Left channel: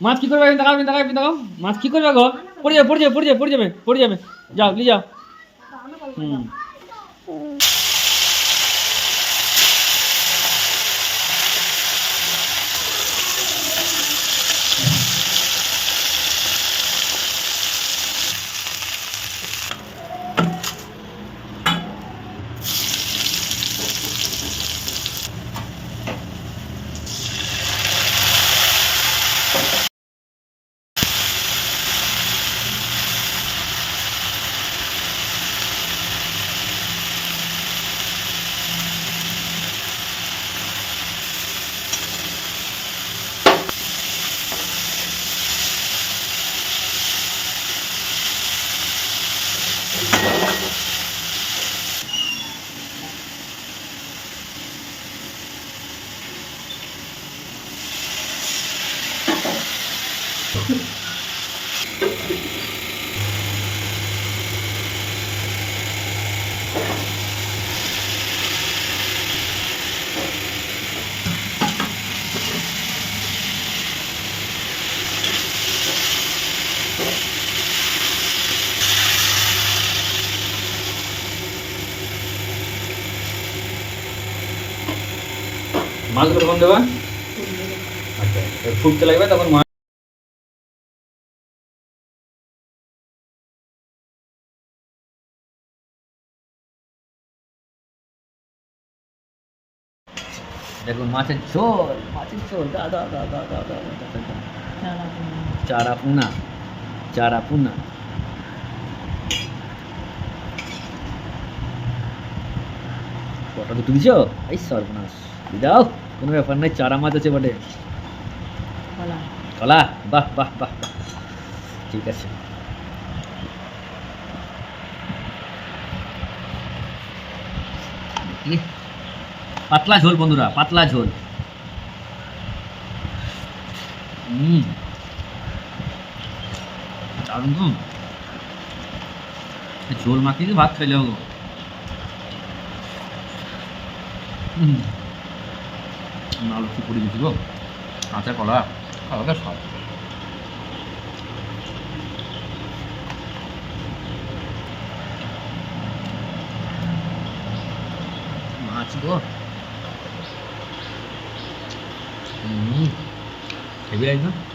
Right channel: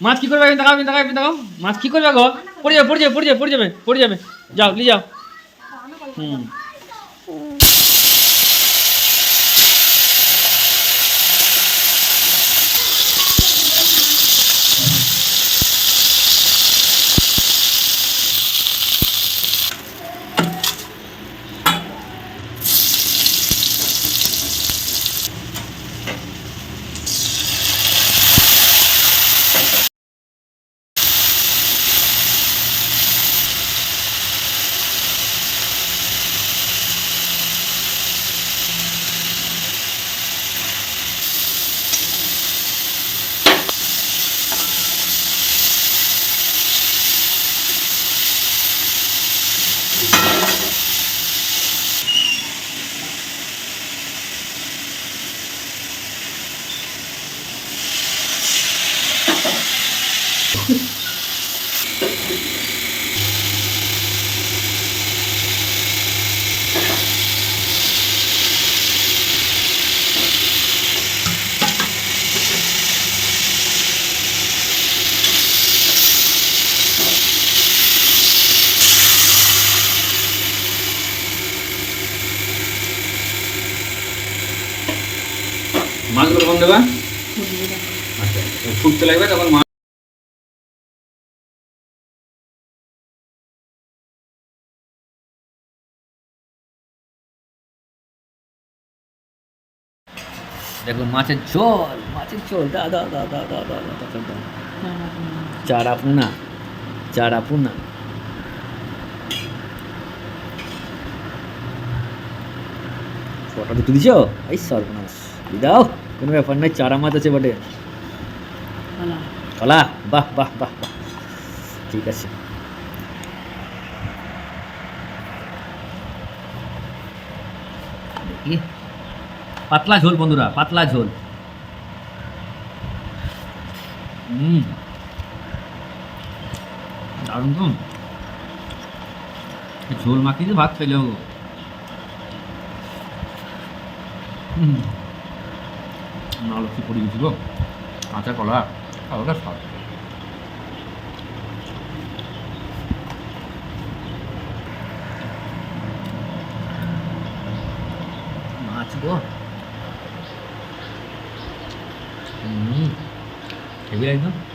মাছ কি করবে দেখাও দেখাও মাছ কি করবে গো পড়ে যাবে যাও নিয়ে যাও হুম মাছগুলো কখন দেবা আচ্ছা ফুটতে লাগবে তখন মাছ দেখো মাছের ঝোল দা চারা পুনা ফটো দুটো দিছো এই সর্বনাশ দাও কোনো ব্যাপার নাই চারা মাছ আছে বটে কলা বাহ ঠিক আছে পাতলা ঝোল বন্ধুরা পাতলা ঝোল দারুণ তো ঝোল মাখিয়ে ভাত খাইলে হবো আলু কি পড়ে গেছি গো কাঁচা কলা আলাদা স্বাদ মাছ গো হেভি লাগছে